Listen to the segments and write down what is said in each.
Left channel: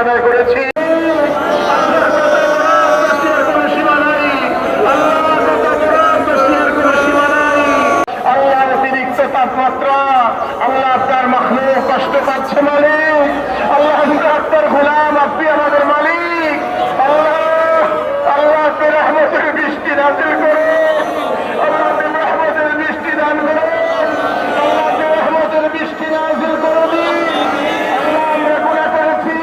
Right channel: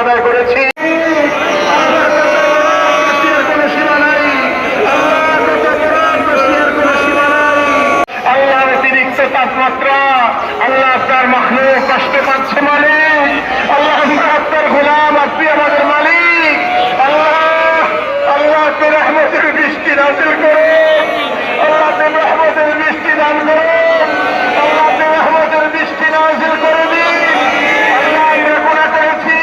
আদায় করেছি। আল্লাহ অতিরিক্ত তাপমাত্রা, আল্লাহ আপনার মাখলুক কষ্ট পাচ্ছে মালিক, আল্লাহ আমরা আপনার গোলাম, আপনি আমাদের মালিক। আল্লাহ আল্লাহ আপনি রহমতের বৃষ্টি নাযিল করুন, আল্লাহ আপনি রহমতের বৃষ্টি দান করুন, আল্লাহ আপনি রহমতের বৃষ্টি নাযিল করে দিন। আল্লাহ আমরা গুনাহ করেছি,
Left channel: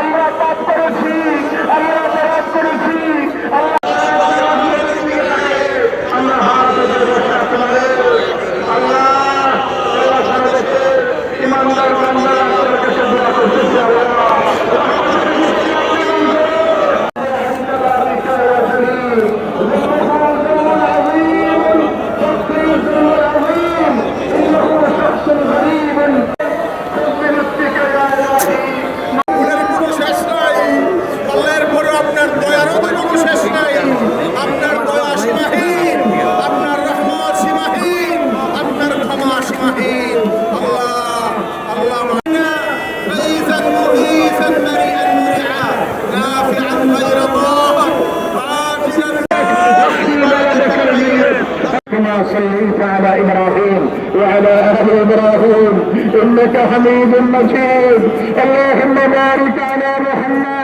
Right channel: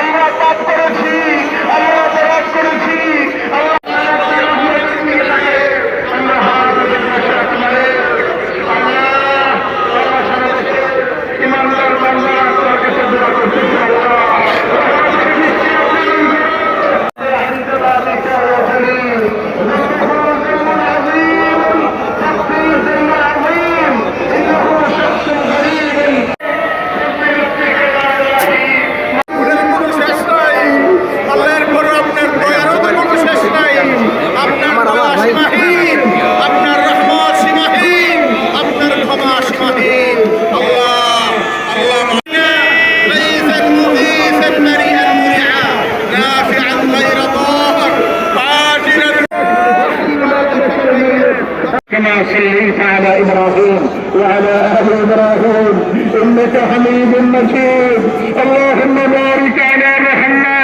আমরা পাপ করেছি, আমরা অপরাধ করেছি। আল্লাহ ইমানদার বান্দারা আপনার কাছে দোয়া করতেছি। كما صليت على إبراهيم وعلى آل إبراهيم إنك حميد مجيد. اللهم بارك على محمد